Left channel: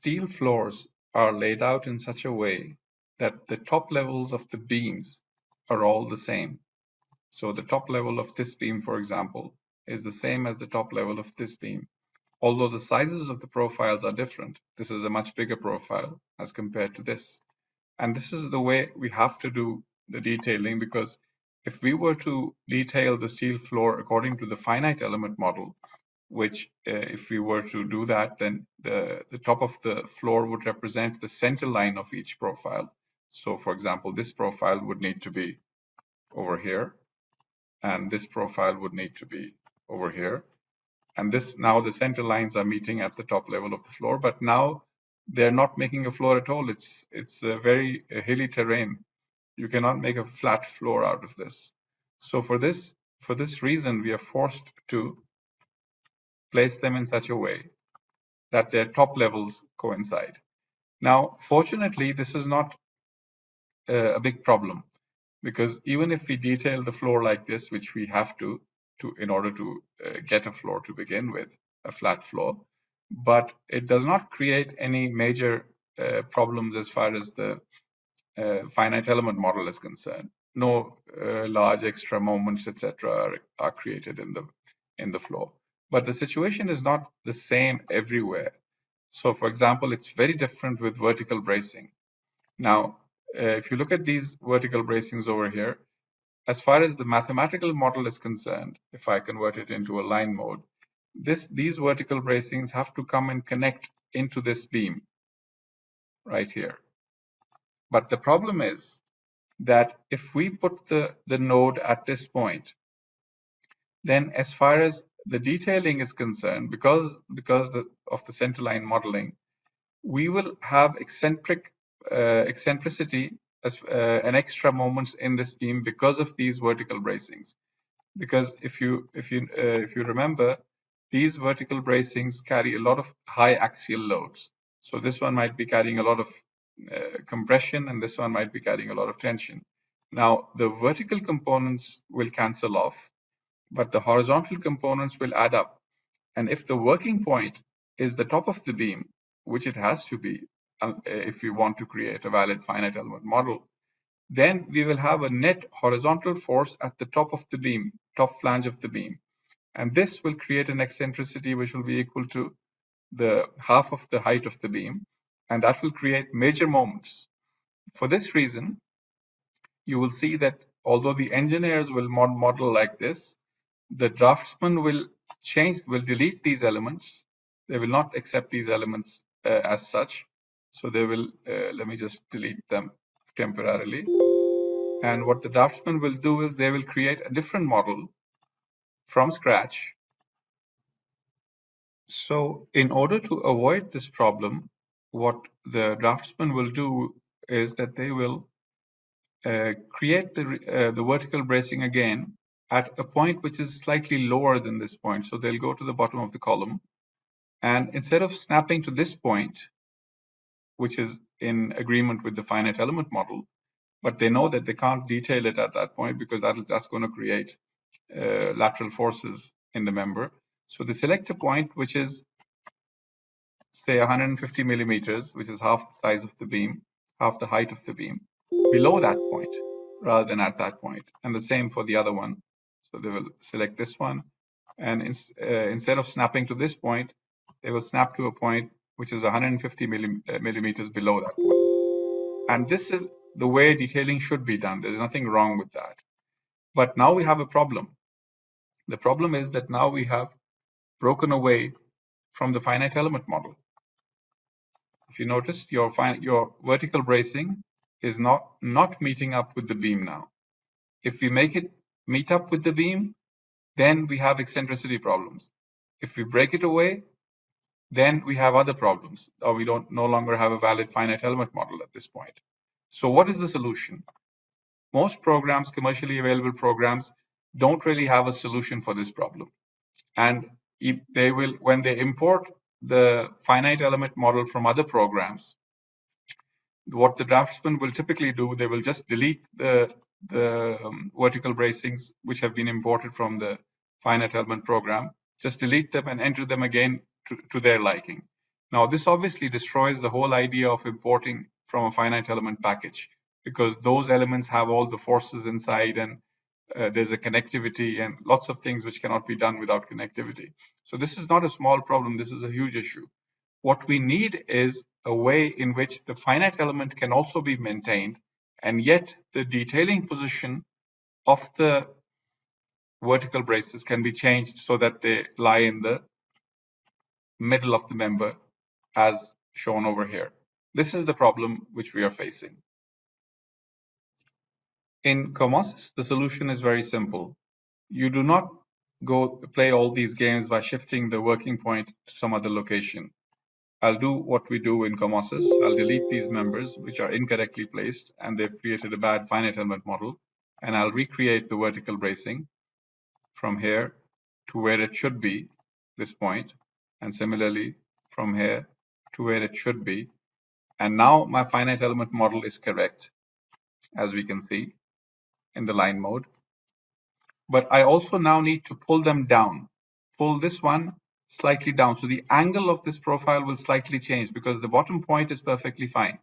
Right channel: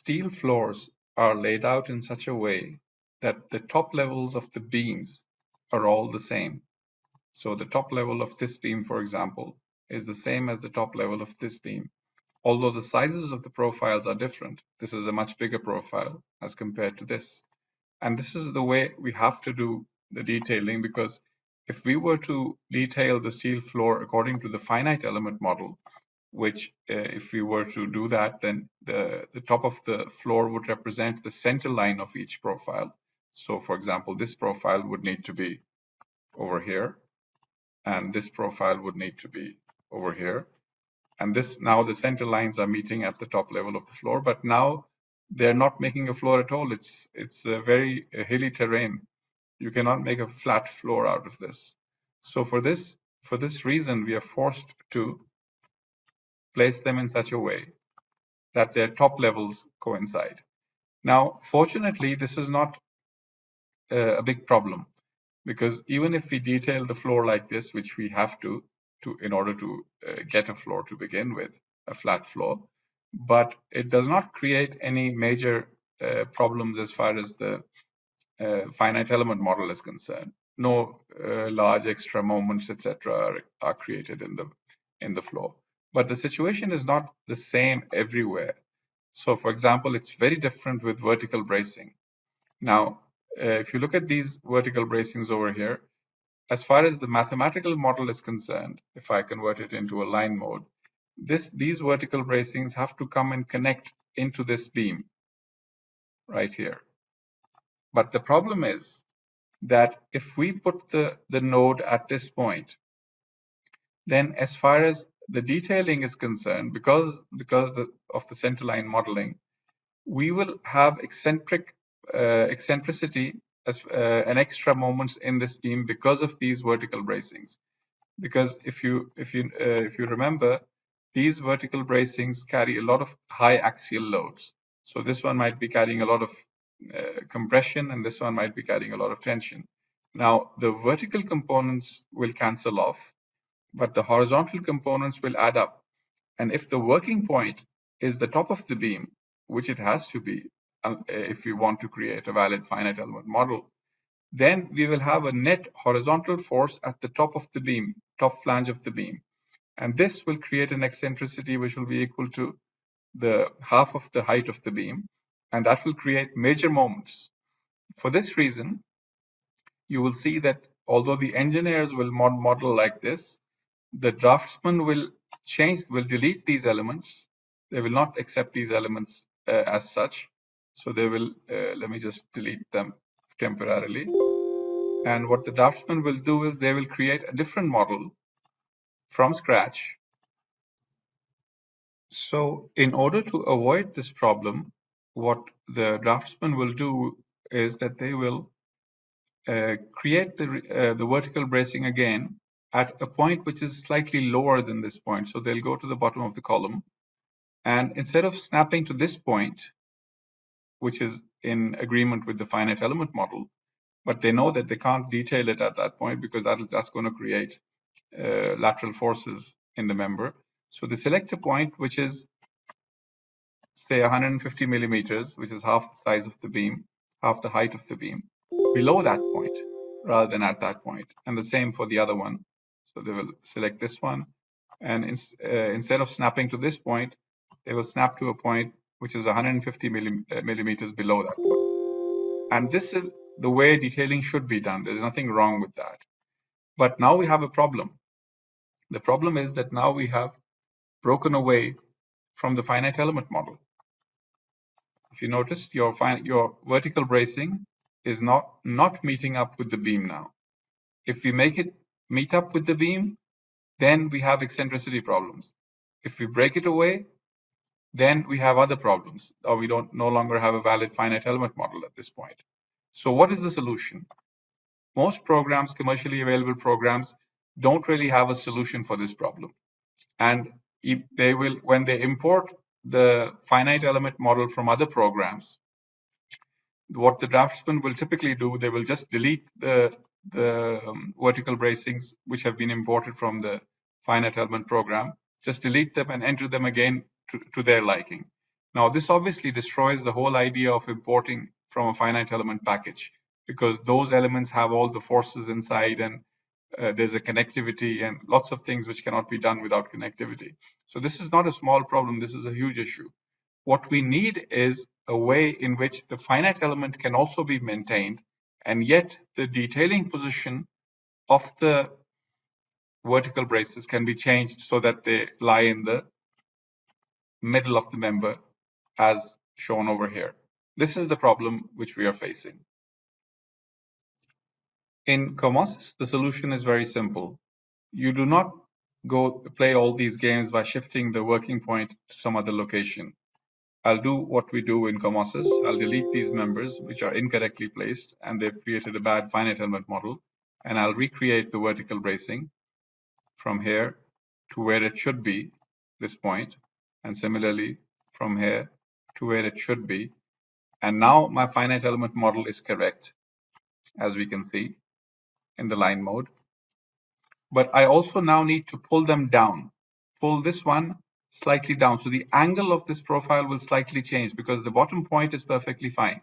steel floors are laid out in such a way that the top levels of the beams are all the same. So the top level of this beam, for example, is the same as the top level of this beam. Although the sizes of the profiles are different, this is a much bigger profile as compared to this. And this is the way we have to do the detailing, because if we were to detail the steel floor according to the finite element model, which if we were to do that, then the top of the floor would represent the center line of each profile. So for example, this profile would need to be over here, and this profile would need to be over here. And this, now the center lines are meeting at the top level of the floor, but now they're not making a floor at all. It's a very hilly terrain. You cannot make a flat floor out of this. So for this reason, we are forced to place them in such a way that their top levels coincide. Now, fortunately, this is not a big problem, because even if we detail the floor like this, which we have to in order to get a floor to begin with, a flat floor, but it does not create any major problems as far as the finite element model is concerned. No large extra moments, etc., are created in the floor. But the situation is not the same everywhere. So, for example, it's very different with vertical bracing. Now, if you look at these vertical bracings over here, as far as the mathematical model is concerned, if I convert it into a line mode, these vertical bracings have to come and connect into this beam right here. But the problem is that if we put the node at this point, then as far as the detailing is concerned, because of the centerline modeling, we will have eccentricity as an extra moments in this beam because of these vertical bracings. Because if you remember, these vertical bracings carry a lot of high axial loads. So this one might be carrying a lot of compression, and this one might be carrying a lot of tension. Now the vertical components will cancel off, but the horizontal components will add up. And if the working point is the top of the beam, which it has to be if we want to create a valid finite element model, then we will have a net horizontal force at the top of the beam, top flange of the beam. And this will create an eccentricity which will be equal to the half of the height of the beam. And that will create major moments. For this reason, you will see that although the engineers will model like this, the draftsman will delete these elements. They will not accept these elements as such. So they will, let me just delete them temporarily. And what the draftsman will do is they will create a different model from scratch. So in order to avoid this problem, what the draftsman will do is that they will create the vertical bracing again at a point which is slightly lower than this point. So they'll go to the bottom of the column, and instead of snapping to this point, which is in agreement with the finite element model, but they know that they can't detail it at that point because that's going to create lateral forces in the member. So they select a point which is, say, 150 millimeters, which is half the size of the beam, half the height of the beam, below that point rather than at that point. And the same for the other one. So they will select this one, and instead of snapping to this point, they will snap to a point which is 150 millimeters below that point. And this is the way detailing should be done. There's nothing wrong with that. But now we have a problem. The problem is that now we have broken away from the finite element model. If you notice, your vertical bracing is not meeting up with the beam now. If we make it meet up with the beam, then we have eccentricity problems. If we break it away, then we have other problems, or we no longer have a valid finite element model at this point. So what is the solution? Most programs, commercially available programs, don't really have a solution for this problem. And they will, when they import the finite element model from other programs, what the draftsman will typically do, they will just delete the vertical bracings which have been imported from the finite element program, just delete them and enter them again to their liking. Now, this obviously destroys the whole idea of importing from a finite element package, because those elements have all the forces inside, and there's a connectivity and lots of things which cannot be done without connectivity. So this is not a small problem. This is a huge issue. What we need is a way in which the finite element can also be maintained, and yet the detailing position of the vertical braces can be changed so that they lie in the middle of the member as shown over here. This is the problem which we are facing. In COMOSYS, the solution is very simple. You do not go play all these games by shifting the working point to some other location. I'll do what we do in COMOSYS. I'll delete these members which are incorrectly placed and they've created a bad finite element model, and I'll recreate the vertical bracing from here to where it should be, this point, and similarly from here to where it should be. And now my finite element model is correct, as we can see in the line mode. But I also now need to pull them down, pull this one slightly down. So the angle of this profile will slightly change because the bottom point is perfectly fine.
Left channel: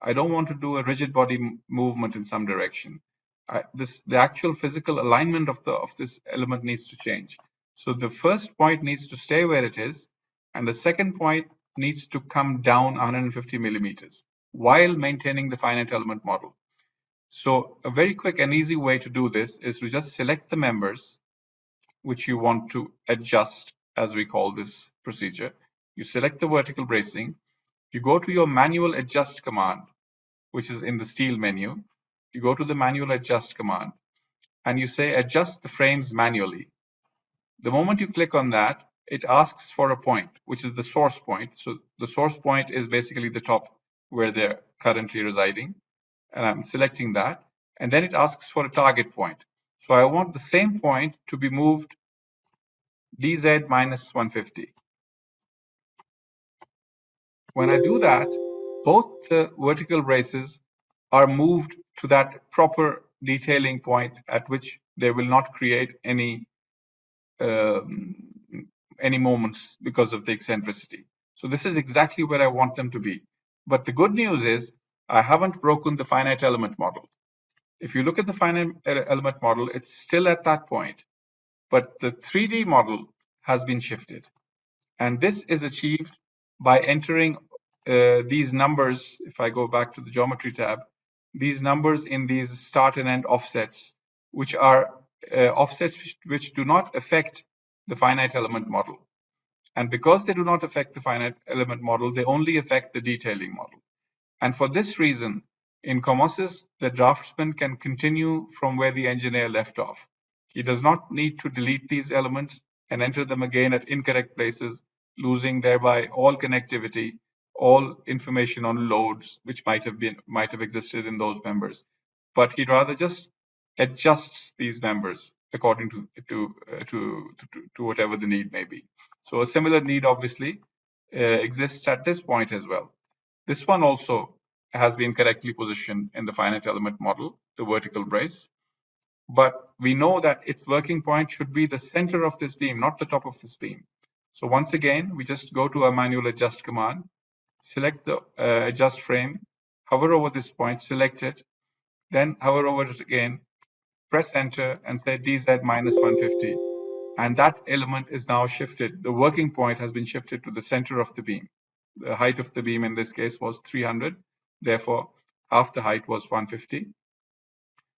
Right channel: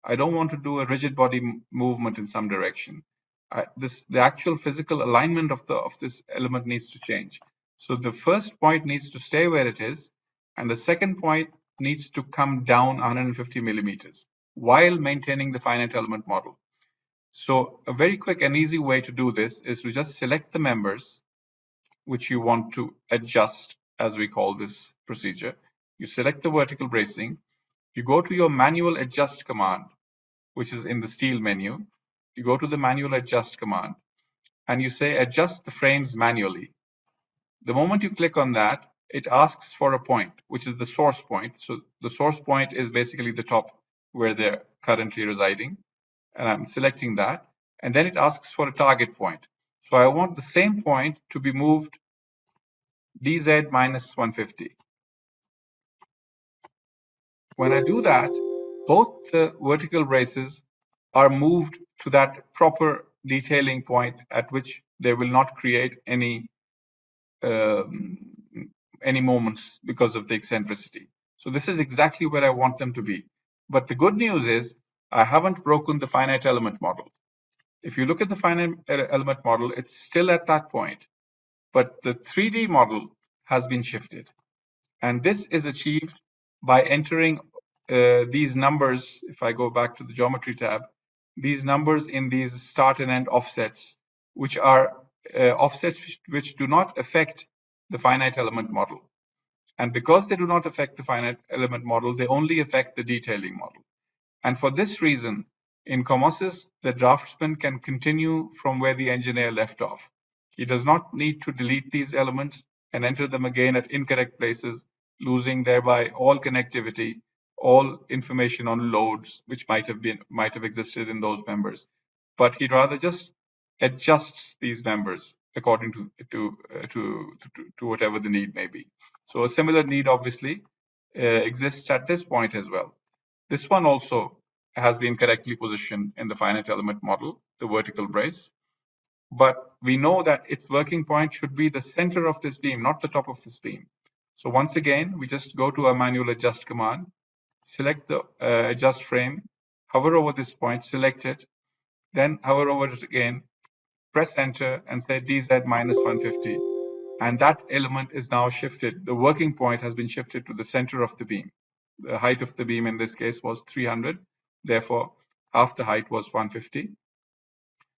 I don't want to do a rigid body movement in some direction. The actual physical alignment of this element needs to change. So the first point needs to stay where it is, and the second point needs to come down 150 millimeters while maintaining the finite element model. So a very quick and easy way to do this is to just select the members which you want to adjust, as we call this procedure. You select the vertical bracing, you go to your manual adjust command, which is in the steel menu. You go to the manual adjust command and you say adjust the frames manually. The moment you click on that, it asks for a point, which is the source point. So the source point is basically the top where they're currently residing. And I'm selecting that. And then it asks for a target point. So I want the same point to be moved dz minus 150. When I do that, both the vertical braces are moved to that proper detailing point at which they will not create um, any moments because of the eccentricity. So this is exactly where I want them to be. But the good news is I haven't broken the finite element model. If you look at the finite element model, it's still at that point, but the 3D model has been shifted. And this is achieved by entering these numbers. If I go back to the geometry tab, these numbers in these start and end offsets, which are offsets which do not affect the finite element model. And because they do not affect the finite element model, they only affect the detailing model. And for this reason, in COMOSYS, the draftsman can continue from where the engineer left off. He does not need to delete these elements and enter them again at incorrect places, losing thereby all connectivity, all information on loads which might have existed in those members. But he rather just adjusts these members according to whatever the need may be. So a similar need obviously exists at this point as well. This one also has been correctly positioned in the finite element model, the vertical brace. But we know that its working point should be the center of this beam, not the top of this beam. So once again, we just go to our manual adjust command, select the adjust frame, hover over this point, select it, then hover over it again, press enter and say DZ minus 150. And that element is now shifted. The working point has been shifted to the center of the beam. The height of the beam in this case was 300. Therefore, half the height was 150.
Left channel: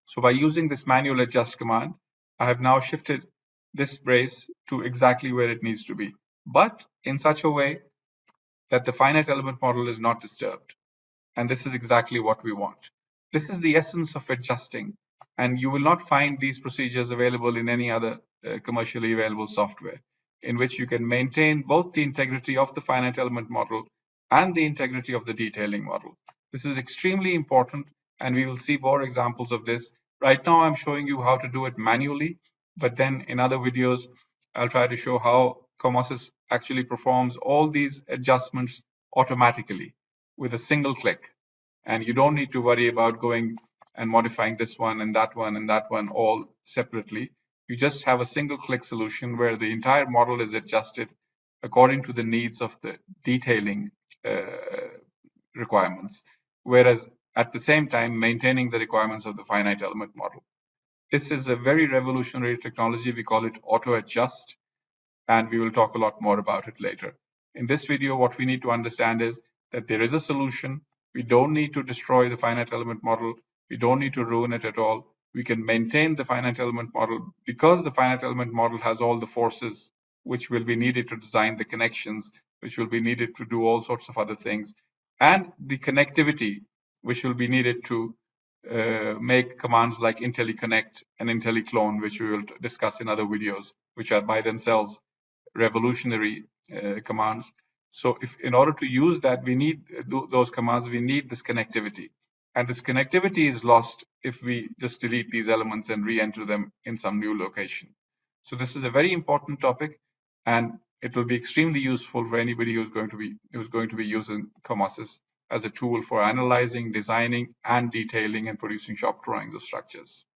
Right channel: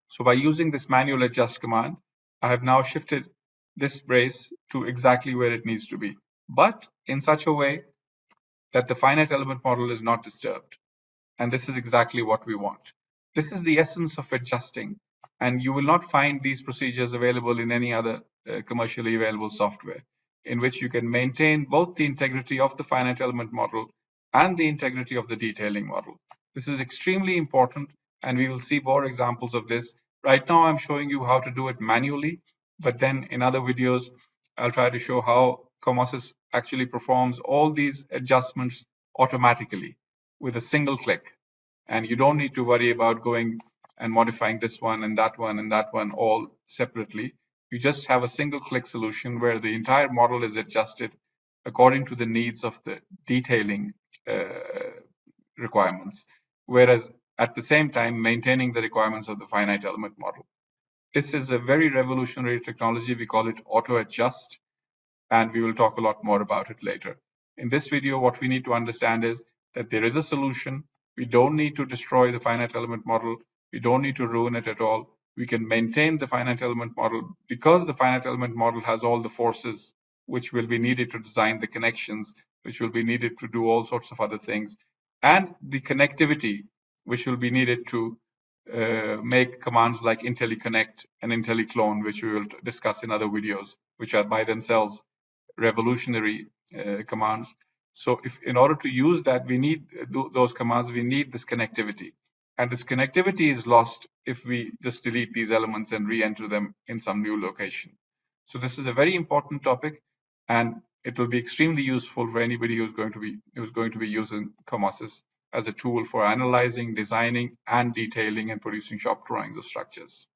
So by using this manual adjust command, I have now shifted this brace to exactly where it needs to be, but in such a way that the finite element model is not disturbed. And this is exactly what we want. This is the essence of adjusting, and you will not find these procedures available in any other commercially available software, in which you can maintain both the integrity of the finite element model and the integrity of the detailing model. This is extremely important, and we will see more examples of this. Right now, I'm showing you how to do it manually, but then in other videos, I'll try to show how COMOSYS actually performs all these adjustments automatically with a single click. And you don't need to worry about going and modifying this one and that one and that one all separately. You just have a single click solution where the entire model is adjusted according to the needs of the detailing requirements, whereas at the same time maintaining the requirements of the finite element model. This is a very revolutionary technology. We call it auto adjust, and we will talk a lot more about it later. In this video, what we need to understand is that there is a solution. We don't need to destroy the finite element model. We don't need to ruin it at all. We can maintain the finite element model because the finite element model has all the forces which will be needed to design the connections, which will be needed to do all sorts of other things, and the connectivity which will be needed to make commands like IntelliConnect and IntelliClone, which we will discuss in other videos, which are by themselves revolutionary commands. So if in order to use that, we need those commands, we need this connectivity. And this connectivity is lost if we just delete these elements and re-enter them in some new location. So this is a very important topic, and it will be extremely useful for anybody who's going to be using COMOSYS as a tool for analyzing, designing, and detailing and producing shop drawings of structures.